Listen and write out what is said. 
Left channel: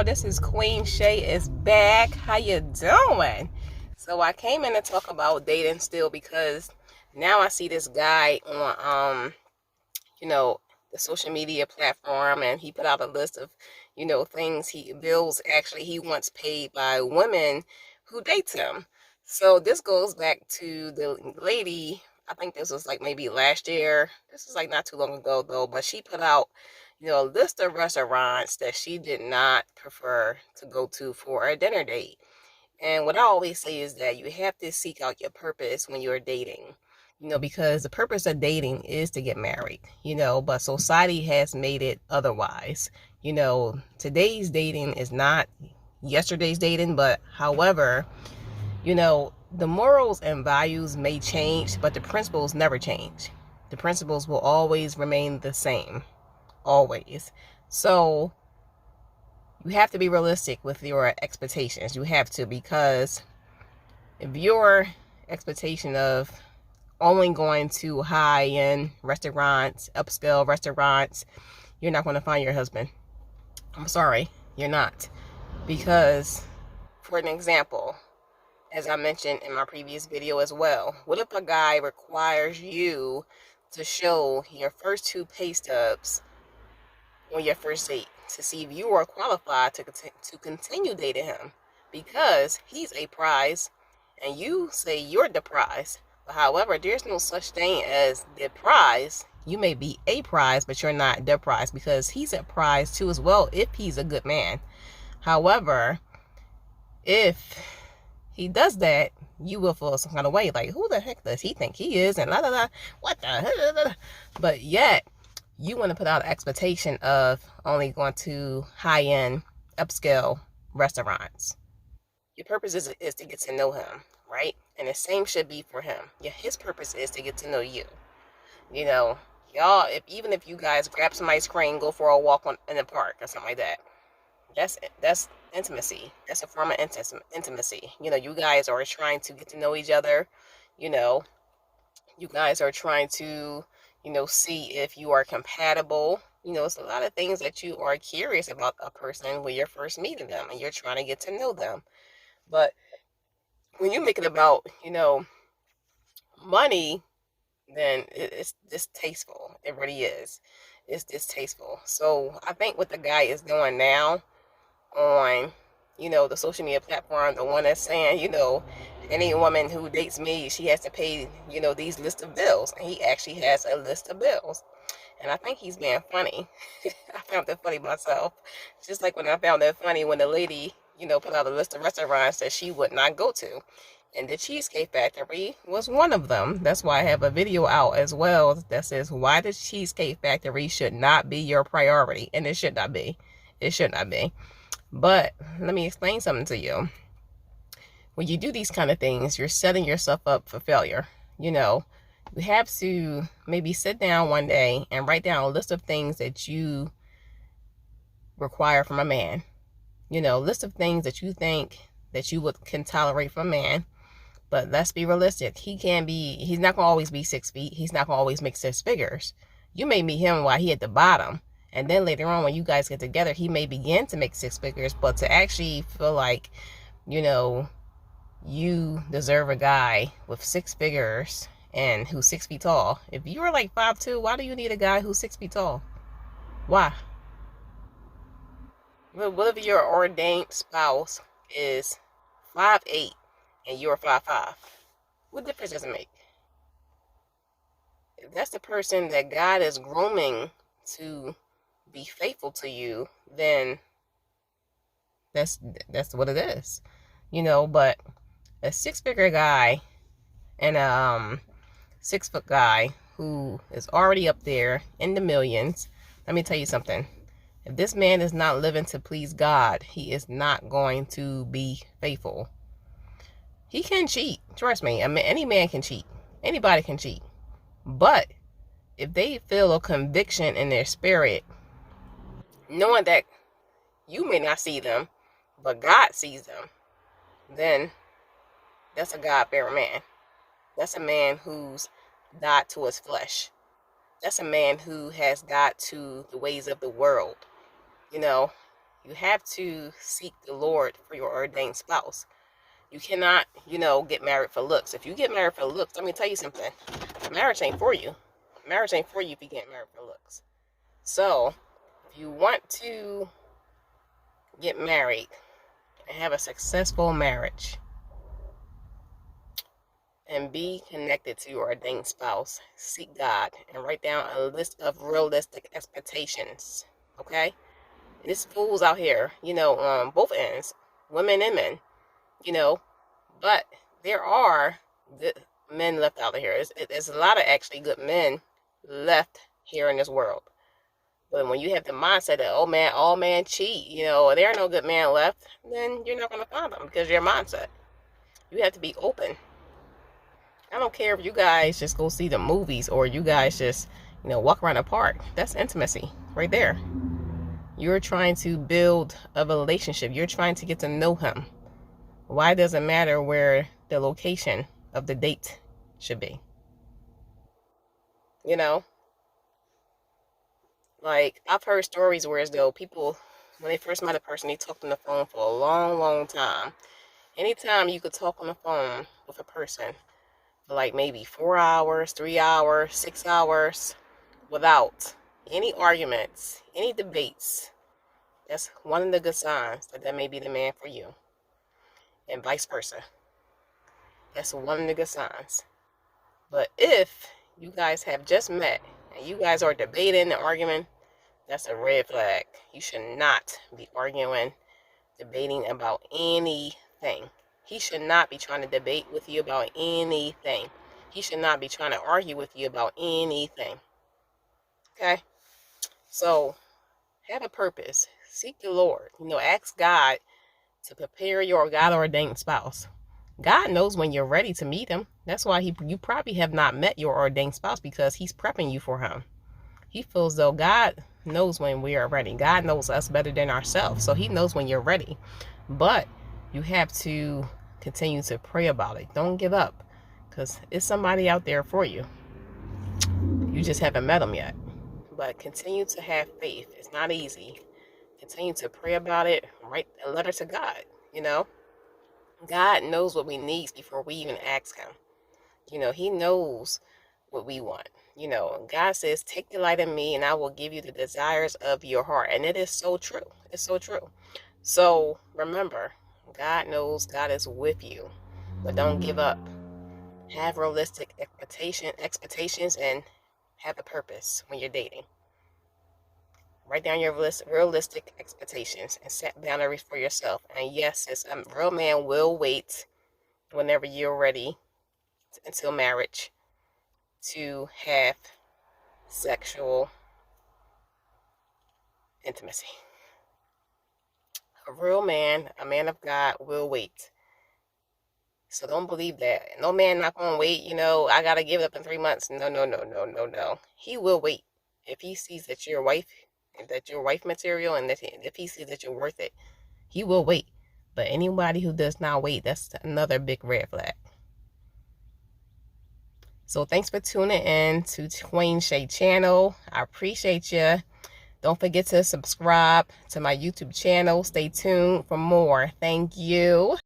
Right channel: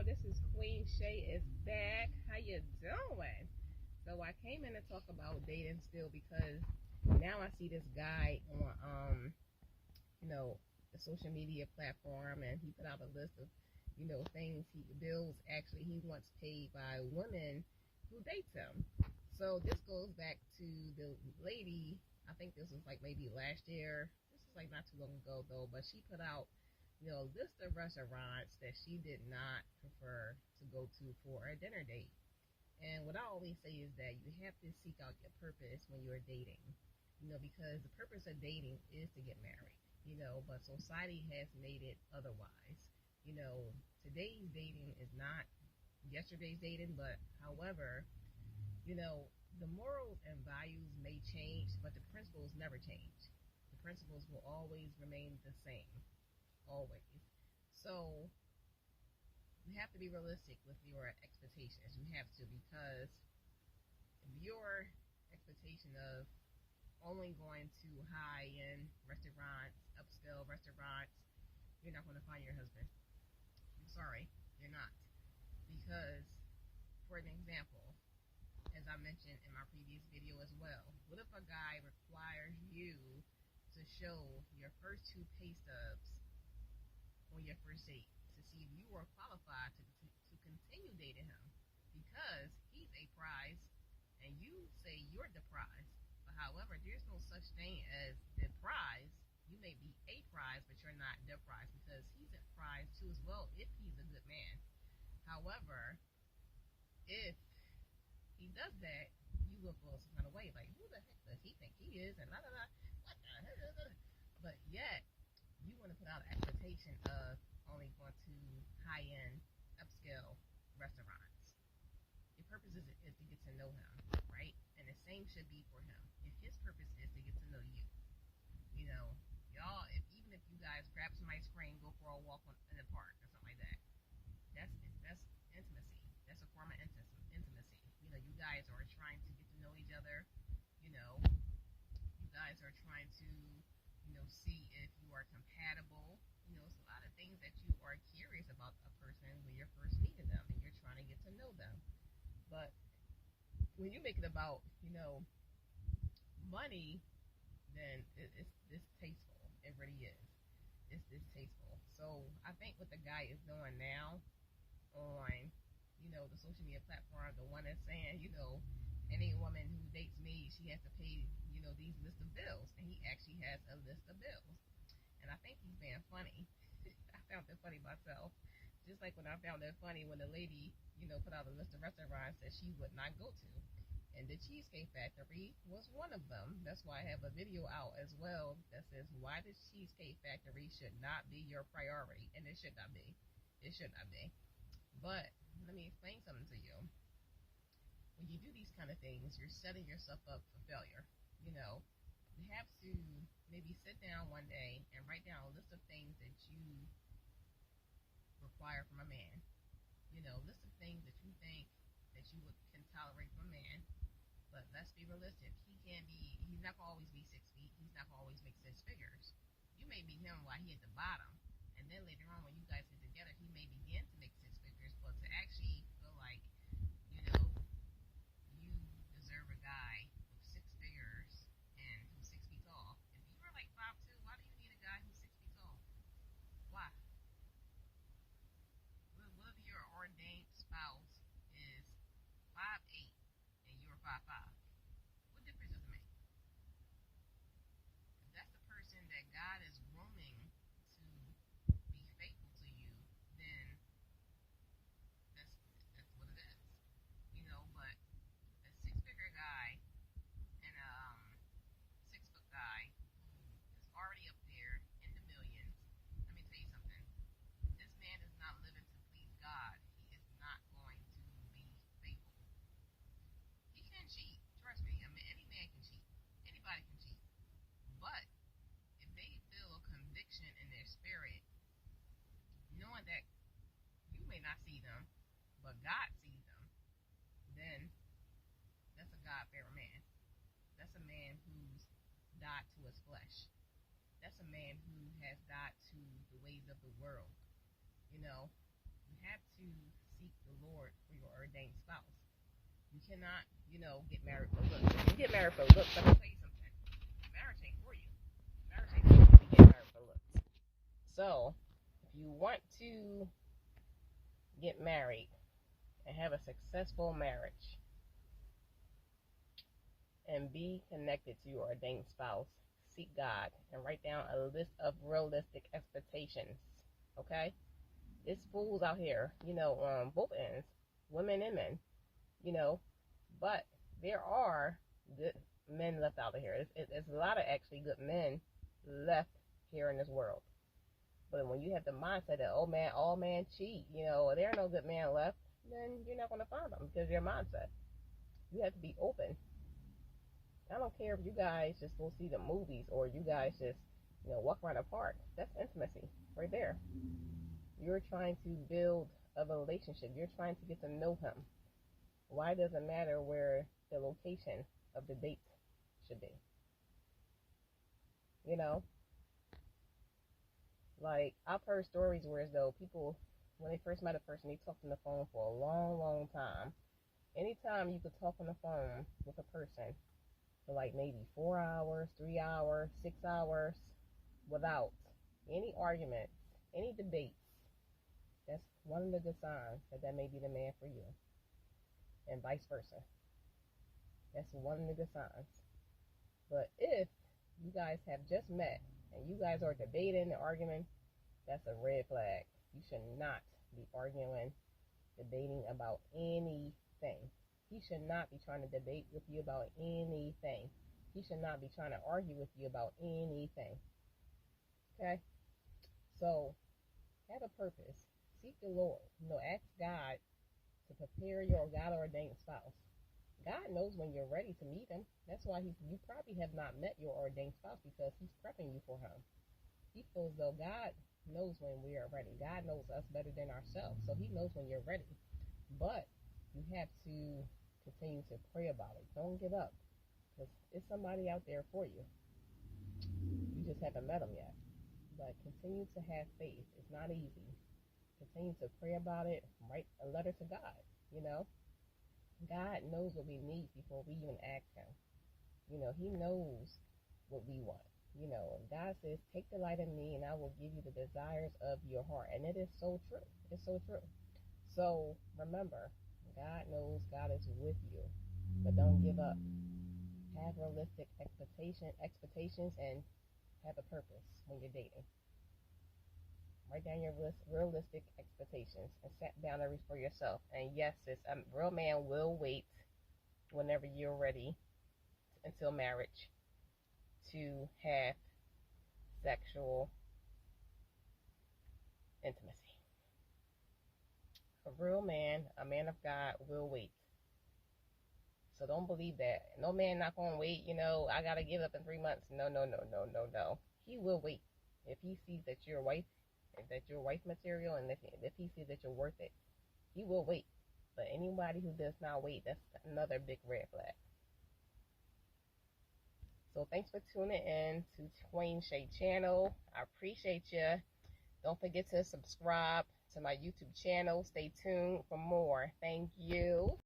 y'all, this is Queen Shay is back. How you doing? So I came in to talk about dating still because now I see this guy on the social media platform, and he put out a list of things bills actually he wants paid by women who dates him. So this goes back to the lady. I think this was like maybe last year. This was like not too long ago though, but she put out a list of restaurants that she did not prefer to go to for a dinner date. And what I always say is that you have to seek out your purpose when you're dating, because the purpose of dating is to get married, but society has made it otherwise. Today's dating is not yesterday's dating, but however, the morals and values may change, but the principles never change. The principles will always remain the same, always. So you have to be realistic with your expectations. You have to, because if your expectation of only going to high-end restaurants, upscale restaurants, you're not going to find your husband. I'm sorry, you're not. Because, for an example, as I mentioned in my previous video as well, what if a guy requires you to show your first two pay stubs on your first date to see if you are qualified to continue dating him, because he's a prize and you say you're the prize? But however, there's no such thing as the prize. You may be a prize, but you're not the prize, because he's a prize too as well if he's a good man. However, if he does that, you will feel some kind of way, like, who the heck does he think he is, and la la la, what the hell? But yet you want to put out an expectation of only going to high-end, upscale restaurants. Your purpose is to get to know him, right? And the same should be for him. Yeah, his purpose is to get to know you. Y'all, even if you guys grab some ice cream, go for a walk in the park or something like that, that's intimacy. That's a form of intimacy. You guys are trying to get to know each other. You guys are trying to see if you are compatible. It's a lot of things that you are curious about a person when you're first meeting them and you're trying to get to know them. But when you make it about money, then it's distasteful. It really is. It's distasteful. So I think what the guy is doing now on the social media platform, the one that's saying any woman who dates me, she has to pay these list of bills, and he actually has a list of bills. And I think he's being funny. I found that funny myself, just like when I found that funny when the lady put out a list of restaurants that she would not go to, and the Cheesecake Factory was one of them. That's why I have a video out as well that says why the Cheesecake Factory should not be your priority. And it should not be. It should not be. But let me explain something to you. When you do these kind of things, you're setting yourself up for failure. You have to maybe sit down one day and write down a list of things that you require from a man. List of things that you think that you can tolerate from a man. But let's be realistic. He's not going to always be 6 feet. He's not going to always make 6 figures. You may meet him while he at the bottom. And then later on, when you guys get together, he may begin to make 6 figures. But to actually feel like, you deserve a guy with 6 figures and who's 6 feet tall. If you were like 5'2", why do you need a guy who's 6 feet tall? Why? What if your ordained spouse is 5'8" and you're 5'5"? What difference does it make? If that's the person that God is grooming to be faithful to you, then that's what it is. But a 6-figure guy and a 6-foot guy who is already up there in the millions, let me tell you something. If this man is not living to please God, he is not going to be faithful. He can cheat. Trust me. I mean, any man can cheat. Anybody can cheat. But if they feel a conviction in their spirit, knowing that you may not see them, but God sees them, then that's a God-fearing man. That's a man who's died to his flesh. That's a man who has died to the ways of the world. You have to seek the Lord for your ordained spouse. You cannot, get married for looks. If you get married for looks, let me tell you something. Marriage ain't for you. Marriage ain't for you if you get married for looks. So, if you want to get married and have a successful marriage and be connected to your ordained spouse, seek God and write down a list of realistic expectations. Okay? There's fools out here, on both ends, women and men, but there are good men left out of here. There's a lot of actually good men left here in this world. But when you have the mindset that, oh man, all men cheat, there are no good men left, then you're not going to find them because your mindset. You have to be open. I don't care if you guys just go see the movies or you guys just, walk around the park. That's intimacy right there. You're trying to build a relationship. You're trying to get to know him. Why does it matter where the location of the date should be? Like, I've heard stories where as though people, when they first met a person, they talked on the phone for a long, long time. Anytime you could talk on the phone with a person for like maybe 4 hours, 3 hours, 6 hours, without any arguments, any debates, that's one of the good signs that may be the man for you. And vice versa. That's one of the good signs. But if you guys have just met and you guys are debating and arguing, that's a red flag. You should not be arguing, debating about anything. He should not be trying to debate with you about anything. He should not be trying to argue with you about anything. Okay? So, have a purpose. Seek the Lord. Ask God to prepare your God-ordained spouse. God knows when you're ready to meet him. That's why you probably have not met your ordained spouse, because he's prepping you for him. He feels though God knows when we are ready. God knows us better than ourselves. So he knows when you're ready. But you have to continue to pray about it. Don't give up, because it's somebody out there for you. You just haven't met them yet. But continue to have faith. It's not easy. Continue to pray about it. Write a letter to God, God knows what we need before we even ask him. He knows what we want. God says, take delight in me and I will give you the desires of your heart. And it is so true. It's so true. So remember, God knows, God is with you. But don't give up. Have realistic expectations and have a purpose when you're dating. Write down your realistic expectations and set boundaries for yourself. And yes, a real man will wait whenever you're ready until marriage to have sexual intimacy. A real man, a man of God, will wait. So don't believe that. No man not going to wait, I got to give it up in 3 months. No. He will wait. If he sees that you're wife material, and if he sees that you're worth it, he will wait. But anybody who does not wait, that's another big red flag. So thanks for tuning in to Twain Shay channel. I appreciate you. Don't forget to subscribe to my YouTube channel. Stay tuned for more. Thank you.